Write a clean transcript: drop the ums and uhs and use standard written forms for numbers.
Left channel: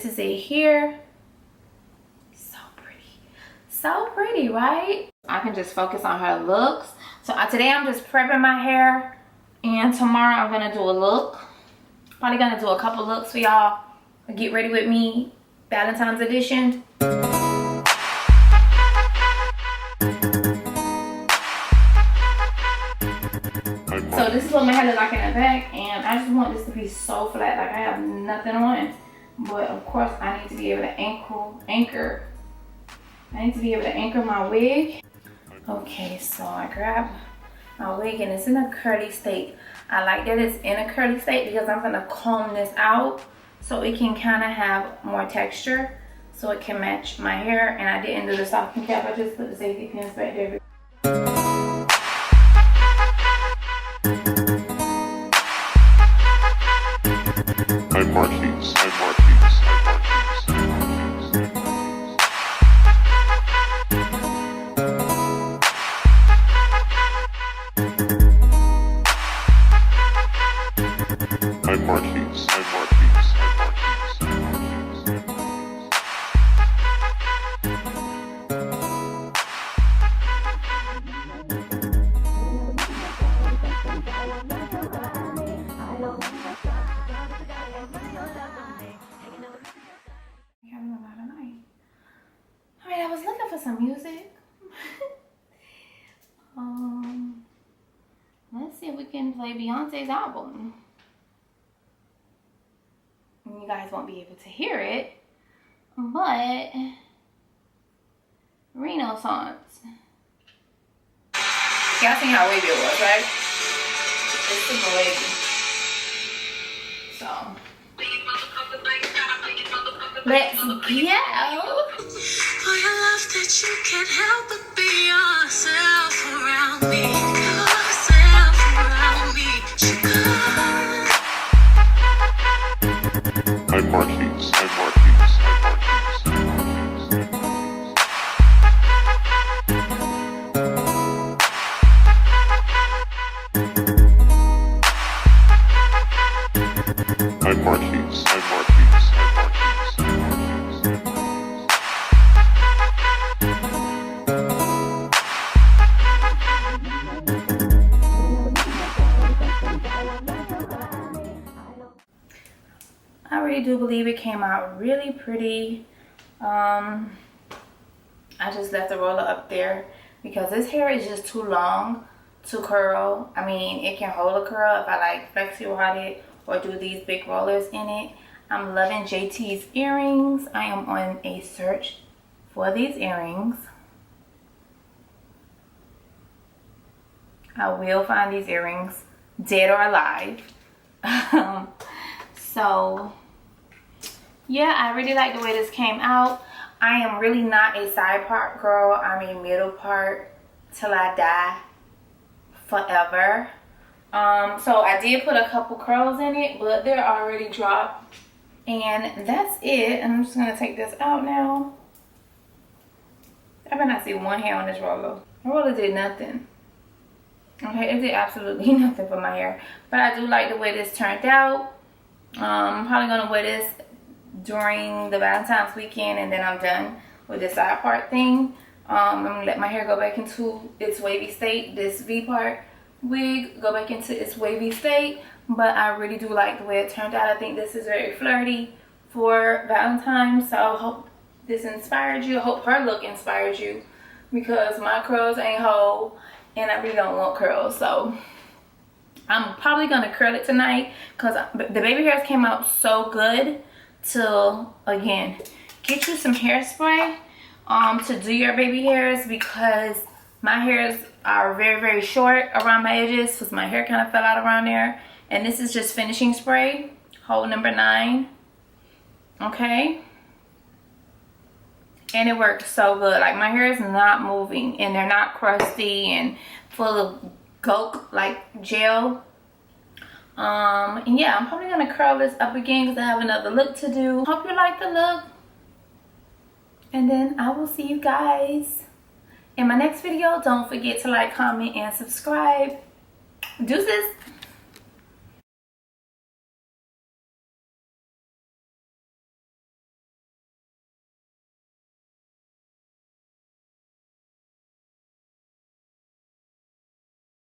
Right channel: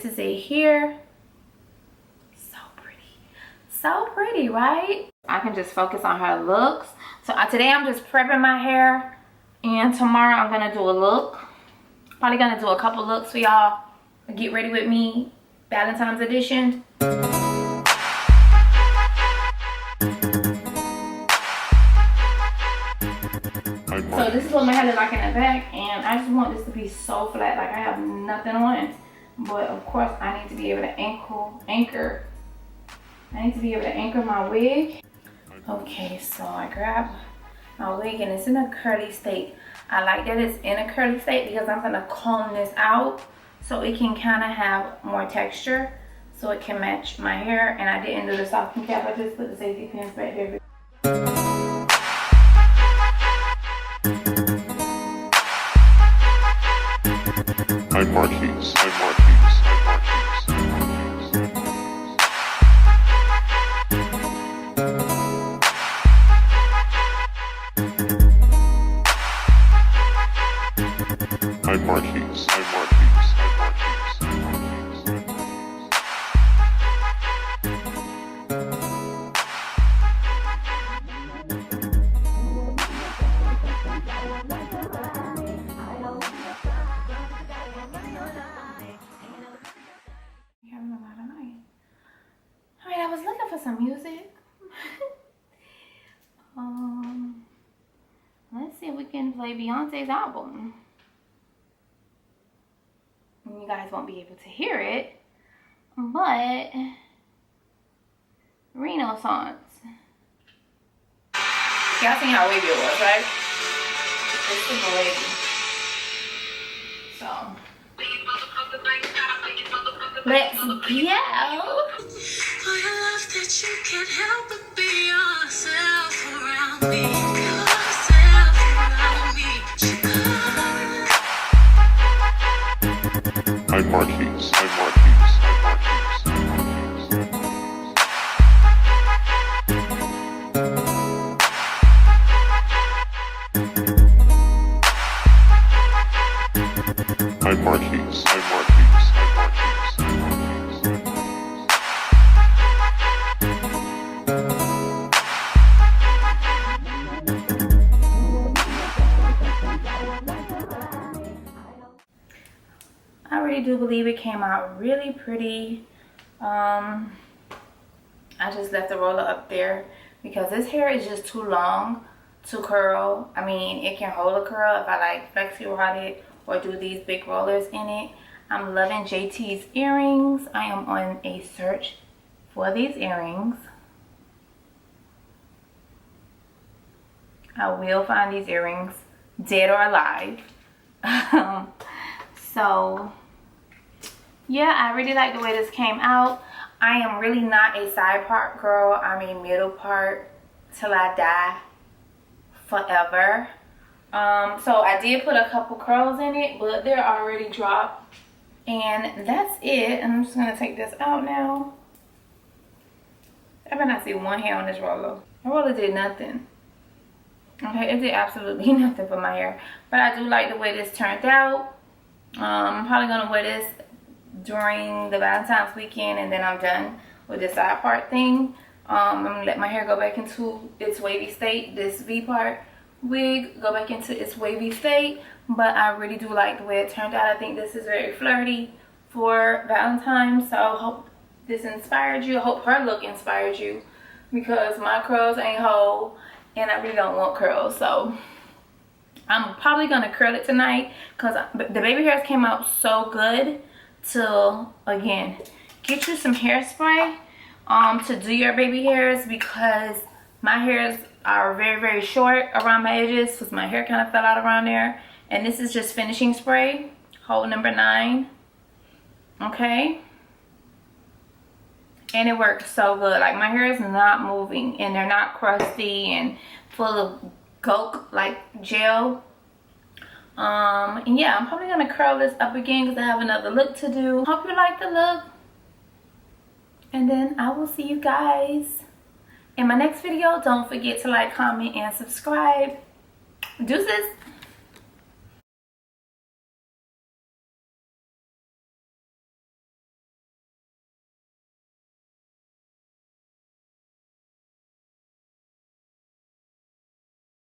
This is it here. So pretty, right? I can just focus on her looks. So today I'm just prepping my hair, and tomorrow I'm gonna do a look. Probably gonna do a couple looks for y'all. Get ready with me, Valentine's edition. So this is what my hair looks like in the back, and I just want this to be so flat, like I have nothing on. But of course I need to be able to anchor my wig. Okay, so I grab my wig and it's in a curly state. I like that it's in a curly state because I'm gonna comb this out so it can kind of have more texture, so it can match my hair. And I didn't do the softening cap, I just put the safety pins back there. Some music. Let's see if we can play Beyonce's album. You guys won't be able to hear it, but Renaissance. Y'all seen how wavy it was, right? It's super wavy. So let's go. For your love that you can't help but be yourself around me. Yourself around me. I really do believe it came out really pretty. I just left the roller up there because this hair is just too long to curl. I mean, it can hold a curl if I like flexi rod it or do these big rollers in it. I'm loving JT's earrings. I am on a search for these earrings. I will find these earrings, dead or alive. So yeah, I really like the way this came out. I am really not a side part girl. I'm a middle part till I die, forever. So I did put a couple curls in it, but they're already dropped. And that's it. I'm just gonna take this out now. I better not see one hair on this roller. The roller did nothing. Okay, it did absolutely nothing for my hair. But I do like the way this turned out. I'm probably gonna wear this during the Valentine's weekend, and then I'm done with this side part thing. I'm gonna let my hair go back into its wavy state. This V part wig go back into its wavy state. But I really do like the way it turned out. I think this is very flirty for Valentine's. So I hope this inspired you. I hope her look inspired you, because my curls ain't whole and I really don't want curls. So I'm probably gonna curl it tonight because the baby hairs came out so good. To again get you some hairspray to do your baby hairs, because my hairs are very short around my edges because my hair kind of fell out around there. And this is just finishing spray, hole number 9. Okay, and it works so good. Like, my hair is not moving and they're not crusty and full of gook like gel. And yeah, I'm probably gonna curl this up again because I have another look to do. Hope you like the look, and then I will see you guys in my next video. Don't forget to like, comment, and subscribe. Deuces.